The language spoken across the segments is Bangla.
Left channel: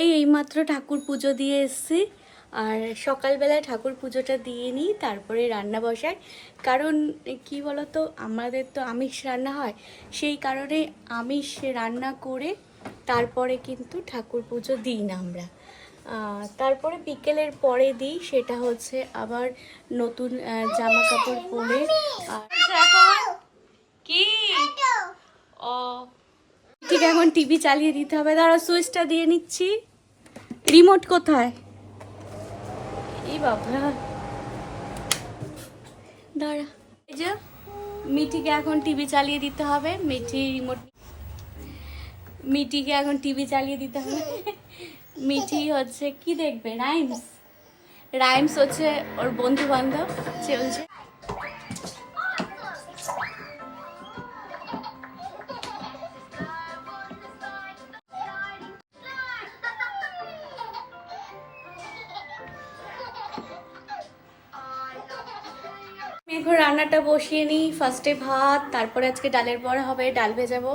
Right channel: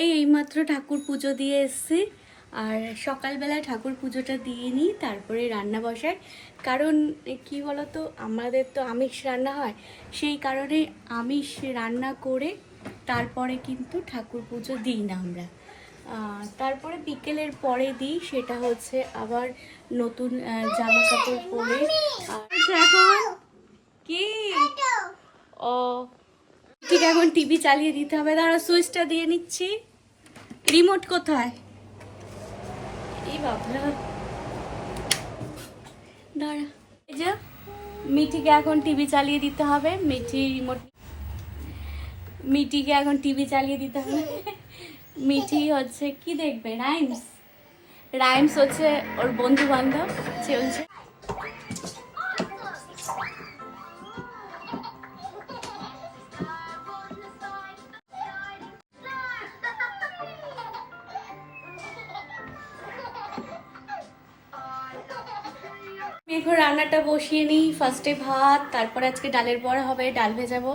এই এইমাত্র ঠাকুর পুজো দিয়ে এসছি। আর সকালবেলায় ঠাকুর পুজোটা দিয়ে নিই তারপরে রান্না বসাই। কারণ কি বলতো আমাদের তো আমিষ রান্না হয়। সেই কারণে আমিষ রান্না করে তারপরে কিন্তু ঠাকুর পুজো দিই না আমরা। তারপরে বিকেলের পরে দিই সেটা হচ্ছে আবার নতুন জামা কাপড় পরে। এখন কি? ও ঠিক এখন টিভি চালিয়ে দিতে হবে। দাঁড়া সুইচটা দিয়ে নিচ্ছি। রিমোট কোথায়? এই বাবা। দাঁড়া। এই যে মিঠিকে এখন টিভি চালিয়ে দিতে হবে। মিঠি রিমোট মিঠিকে এখন টিভি চালিয়ে দিতে হবে। মিঠি হচ্ছে কি দেখবে? রাইমস রাইমস হচ্ছে ওর বন্ধু বান্ধব চলছে। আমি রান্নাটা বসিয়ে নিই। ফার্স্টে ভাত, তারপরে আজকে ডালের বড়া হবে, ডাল ভেজাবো।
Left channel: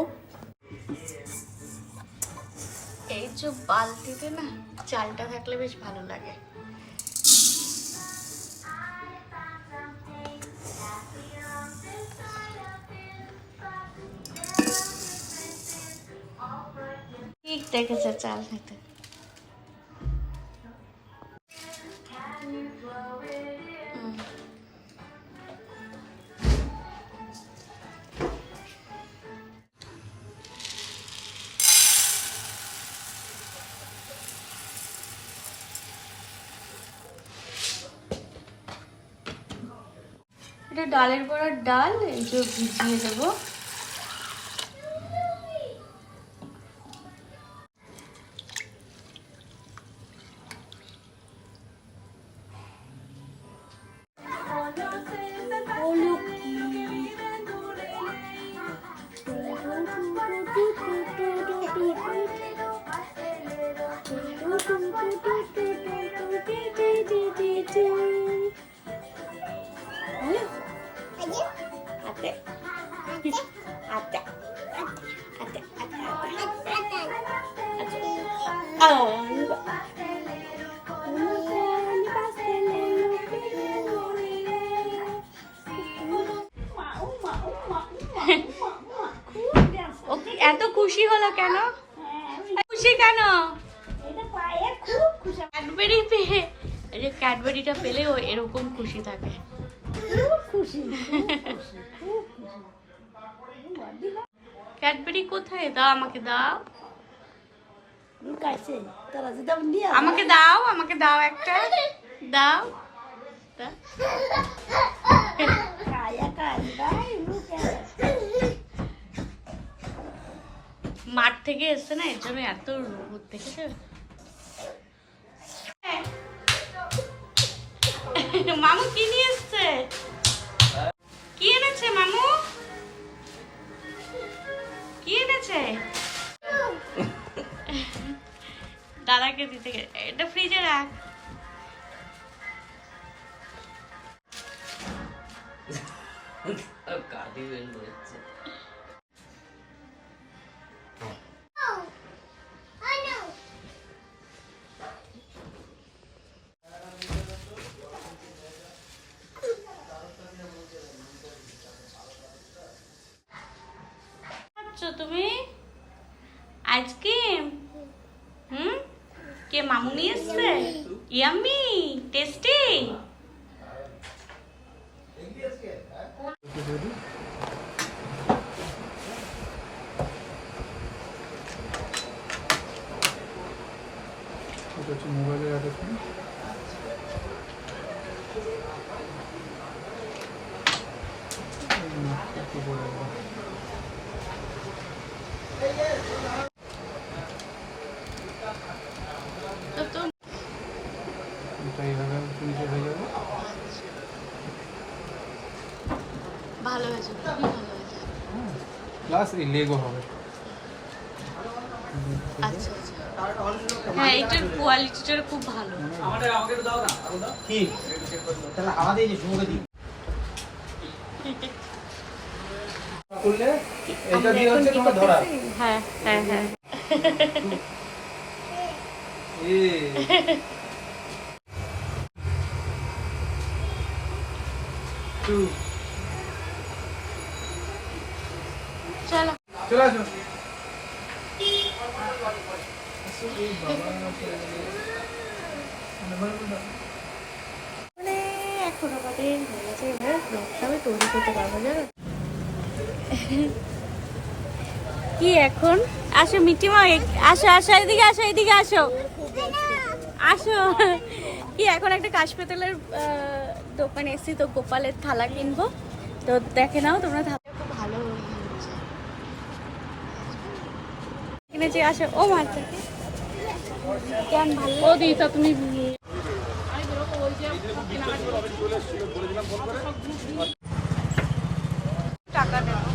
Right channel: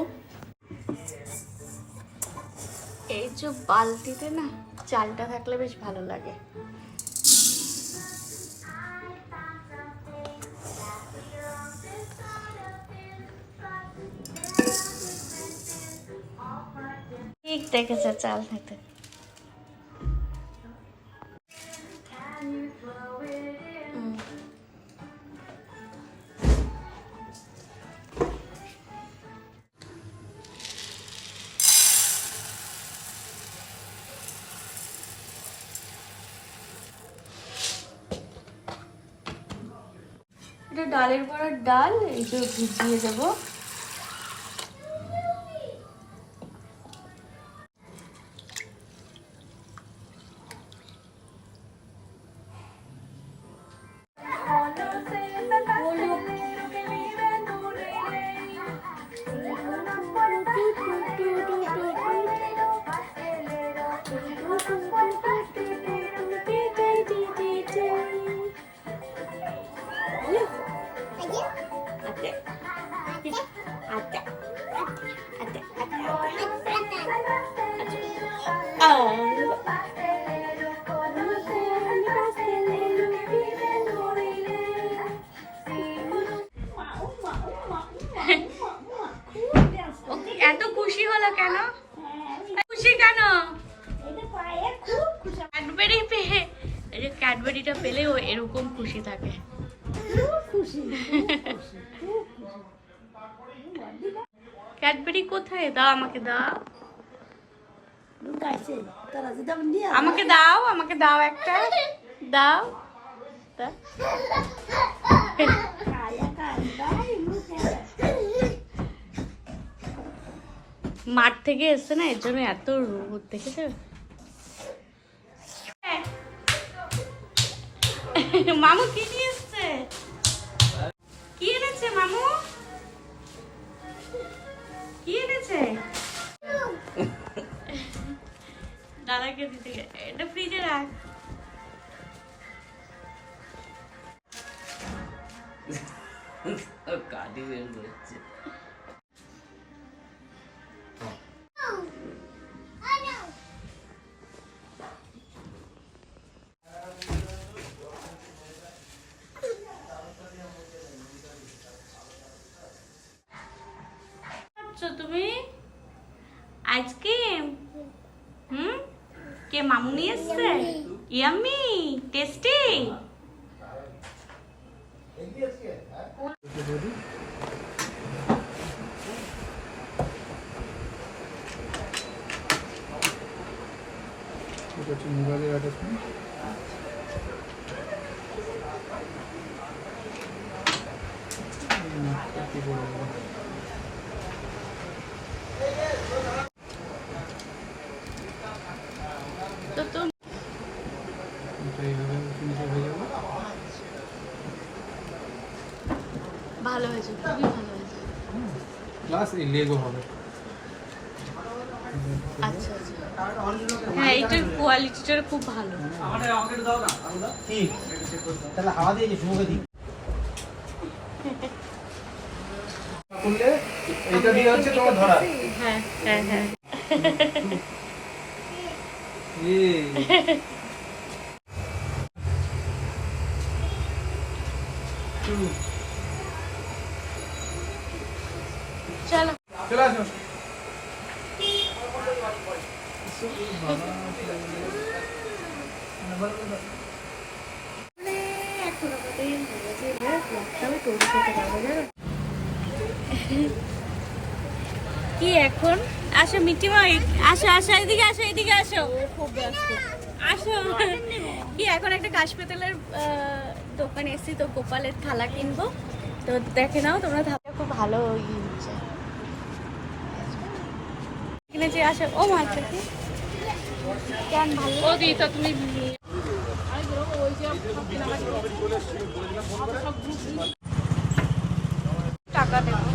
এই যে বালতিতে না, চালটা থাকলে বেশ ভালো লাগে। ঠিক দেখেছে চাল খেতে। ডালের বড়ার ডাল এই ভিজিয়ে দেবো। আতে কেন? খুশি কেন? ক্যাডবেরি পেয়ে। এই যে ক্যাডবেরিটা পেলে ও এরকম খুশি থাকে। ক্যাডবেরি কোথায়? দাও আমাকে দাও। আমাকে দাও আমাকে দাও একটা। দাও। মাঠ থেকে এসছে না, এর জন্য এত রোদ দেখেছে? মামু, কি নিয়ে এসছে? কি এনেছে, মামু? কি এনেছে? দাদাকে দিতে এটা ফ্রিজে রাখ। কাঠি বের করেছে। তুমি? আইসক্রিম হুম? কে মামু নিয়ে এসছে? Yummy tasty? এটা কি বলব তো তো এটা এইভাবে নিচে হয়ে যাব ভালো হয়েছে খুবই ভালো হয়েছে। প্লাস এই লেগো হবে। আচ্ছা আচ্ছা। হ্যাঁ কোয়ালিটিটা খুব ভালো। করলে এটা দিয়ে হচ্ছে তোমার ধরা। হ্যাঁ হ্যাঁ হ্যাঁ। চলো। চলে আসো। মানে এখন আমাদের হয়ে ব্লগটা আমি তৈরি করতে পারব জানো? কি এখন? আসো মিটিমাই আসো আসো এদিকে আসো এদিকে আসো। আসো। কি এখন একটা কাশ পেতলের দোকানে এসেছি তো গোপালের থালা কিনবো। তো দেখে নাও তোমরা থালা। খুব ভালো কিনেছি আসো ও মাছটা কি? কেন ভালো তুমি টাকা দেবো।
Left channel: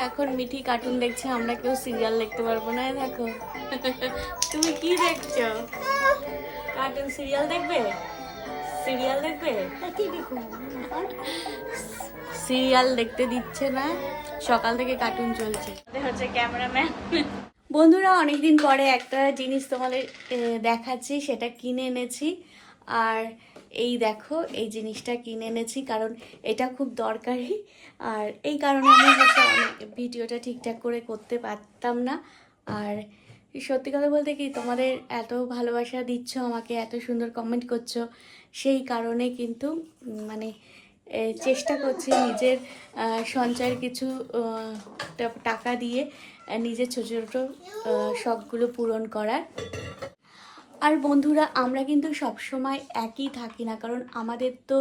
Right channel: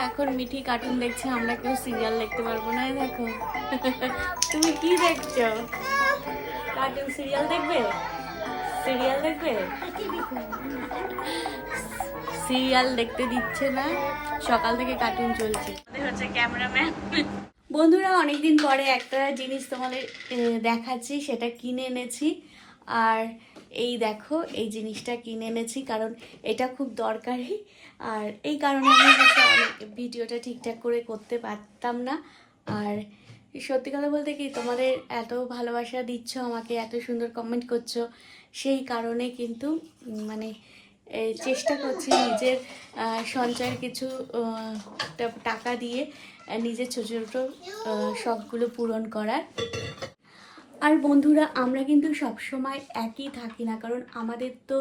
এখন মিঠি কার্টুন দেখছে আমরা কেউ সিরিয়াল দেখতে পারব না দেখো। তুমি কি দেখছ? কার্টুন সিরিয়াল দেখবে? সিরিয়াল দেখবে? সিরিয়াল দেখতে দিচ্ছে না। সকাল থেকে কার্টুন চলছে। হচ্ছে ক্যামেরাম্যান বন্ধুরা অনেকদিন পরে একটা জিনিস তোমাদের দেখাচ্ছি সেটা কিনে এনেছি। আর এই দেখো, এই জিনিসটা কিনে এনেছি কারণ এটা খুব দরকারি। আর এই কারণে আমি হচ্ছে অনেক ভিডিওটা ঠিকঠাক করে করতে পারতাম না। আর সত্যি কথা বলতে কি, তোমাদের এত ভালোবাসা দিচ্ছ, আমাকে এত সুন্দর কমেন্ট করছ, সেই কারণে কিন্তু মানে চেষ্টা করছি নিজের সঞ্চয়ের কিছু টাকা দিয়ে নিজের ছোটো ছোটো শখগুলো পূরণ করার। আর বন্ধুরা, আমরা কিন্তু সবসময় একই থাকি না, কারণ আমাদের তো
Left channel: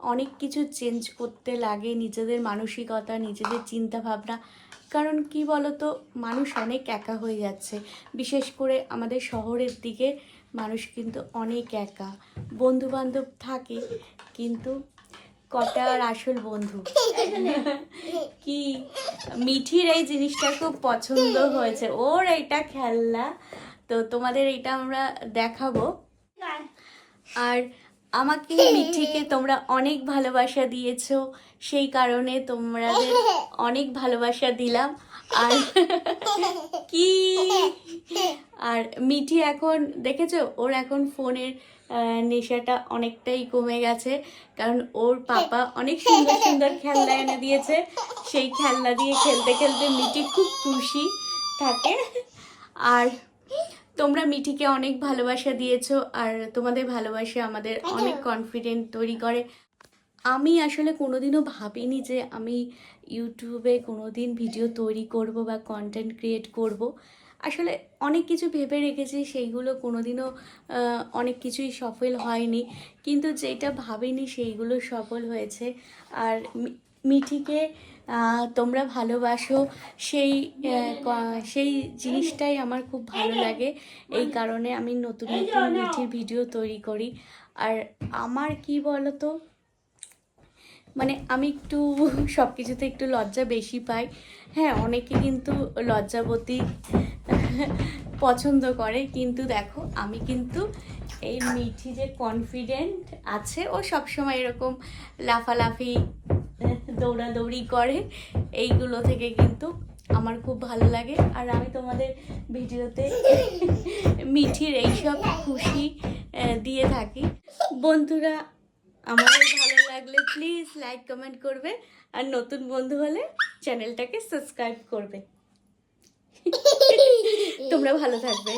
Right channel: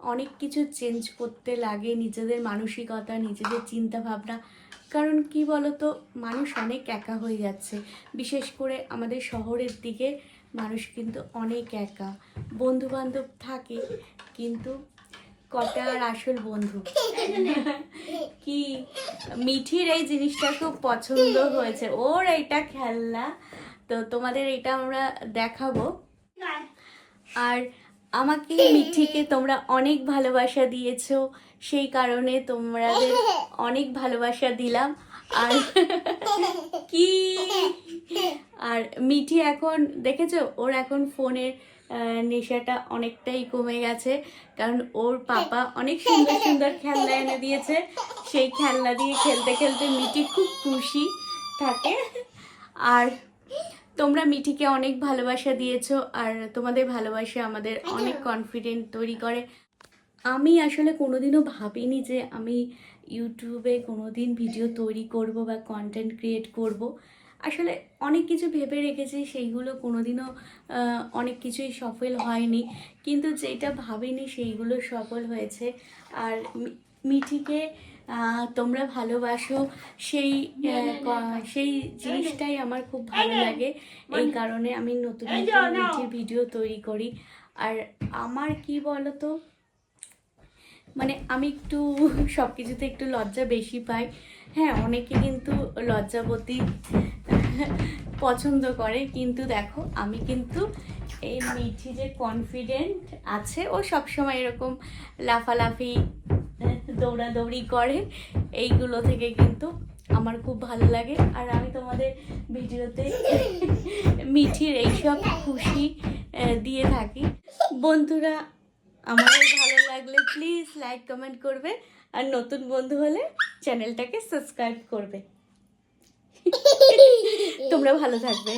অনেক কিছু চেঞ্জ করতে লাগে, নিজেদের মানসিকতা, নিজেদের চিন্তা ভাবনা কারণ কি বলতো, মানুষ অনেক একা হয়ে যাচ্ছে। বিশেষ করে আমাদের শহরের দিকে মানুষ কিন্তু অনেক একা। বন্ধু বান্ধব থাকে, কিন্তু কটা আর আসল বন্ধু? কি? মিঠির এই জিনিসটা খুব পছন্দ হয়েছে। ওর এইটা খেলনা। তো তোমাদের এটা আমরা দেখাবো। আর আমাকে মিঠিকে তোমরা অনেক ভালোবাসা দিয়েছ সেই কারণে তোমাদের অনেক ভালোবাসা দিলাম। আর কি? আর মিঠি এখন দেখেছ? ওর এখন ফোনের নেশাটা অনেকটাই কমে গেছে কারণ ওর পাপা অনেক সুন্দর সুন্দর খেলনা এনে দিয়েছে। সেই খেলনা দিয়ে খেলতে খেলতে মিটি খুব খুশি থাকে। আর তোমরা মিঠিকে অনেক ভালোবাসা দিয়েছ আর তোমাদের ভালোবাসা আমাদের অনেক কনফিডেন্ট তৈরি করে। আমি আসলে কোনোদিনও ভাবিনি যে আমি ইউটিউবে কোনোদিন ভিডিও তৈরি করব বা কন্টেন্ট ক্রিয়েট করব। আসলে অনেক কিছু ভেবে রেখেছি সেইগুলো কোনোদিনও অনেক কিছুই সফল হয়নি। কিন্তু যেটা ভাবিনি সেইগুলো সফল হয়েছে। আর মিঠিকে তোমরা ভালোবাসো। সেই সেই জিনিসটাই আমার খুব ভালো লাগে। এই কারণে আমি নতুন নতুন মিঠির ভিডিও তৈরি করি। আর আমার কি বলতো মানে আমি একটু সব কিছুতে একটু লজ্জা বেশি পাই। হ্যাঁ অনেকে কিন্তু লজ্জাবতী পছন্দ করে, কিন্তু দেখো, আমি কিন্তু এই মিঠি যে কনফিডেন্ট আছে, ও সবসময় এরকম লাফালাফি দৌড়াদৌড়ি করে। এইগুলো থেকে কিন্তু আমার খুব ভালো লাগে। আর আমি তোমাদের ভিডিওতে মিঠির এইসব খুশি দিয়ে থাকি। বন্ধুরা, আমাদের ভালো লাগলে প্লিজ লাইক কমেন্ট করবে। আর নতুন বন্ধু হলে চ্যানেলটাকে সাবস্ক্রাইব করবে। তোমরা ভালো থাকবে।